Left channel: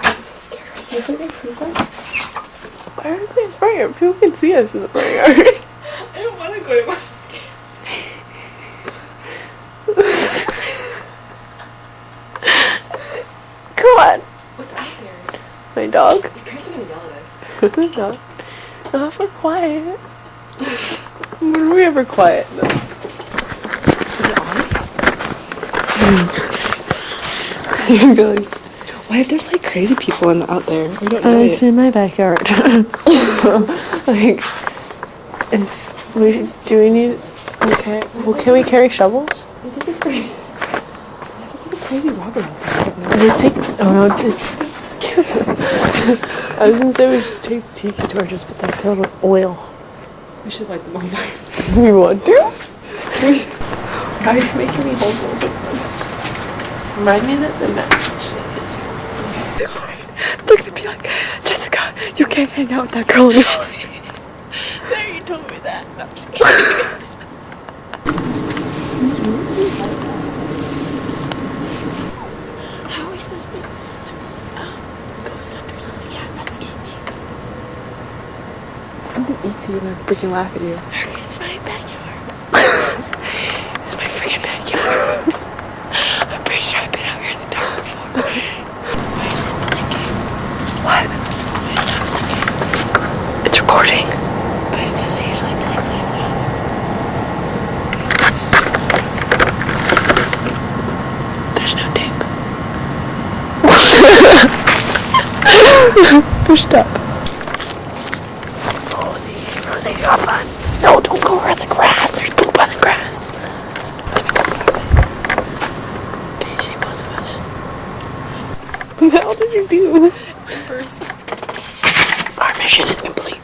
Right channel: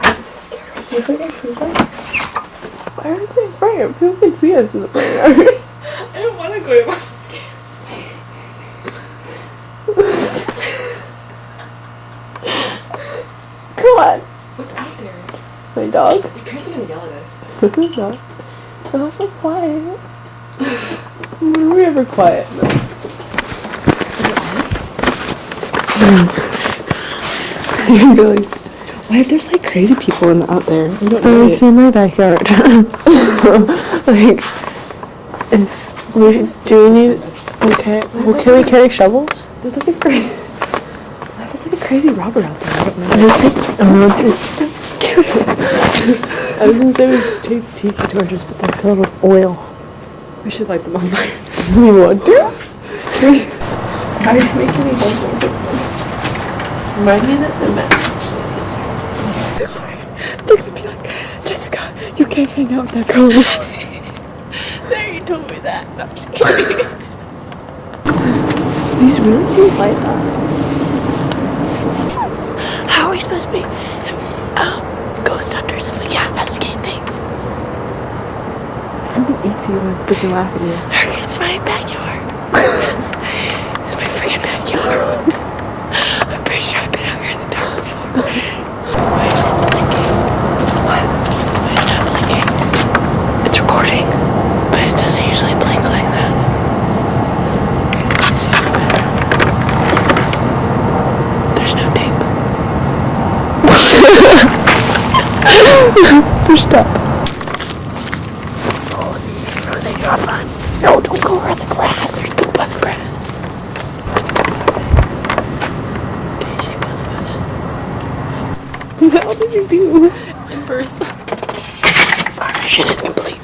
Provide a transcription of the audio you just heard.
I'm so scared. Why are we in front yard? People can see us in the front yard. I don't want to go anymore. I'm scared. Come on. What's out there? My dog. Your parents are gonna yell at us. No. No, if we're quiet. When are we ever quiet? No. Is it on? Really? What if there's like crazy people out there? We don't know. It's in my backyard. Like, do we need, okay, well, can we carry shovels? There's like a crazy, there's like a crazy robber out there. I don't know. Let's take, I was gonna say we should take the tiki torches, but they're filled with oil. We should light them on fire. You want to? Why are you making me hold those? Remind me that the message. They're gonna be like, Jessica, you can't hang out with that girl anymore. There, you told me that. No, I'm just kidding. These really do like that. How are we supposed to be ghost hunters if we can't investigate things? Something eats you and freaking laugh at you. It's my backyard. It's my freaking backyard. I'm pretty sure I've been out here in the dark before. Why is it blinking? What? Why is that blinking? It's recording. But it doesn't usually blink like that. There's no tape. Pushed up. Rosie, you're fun. No, don't go over the grass. There's poop on the grass. Let me go that way. Can you see both of us? What the hell did you do? First. Our mission is complete.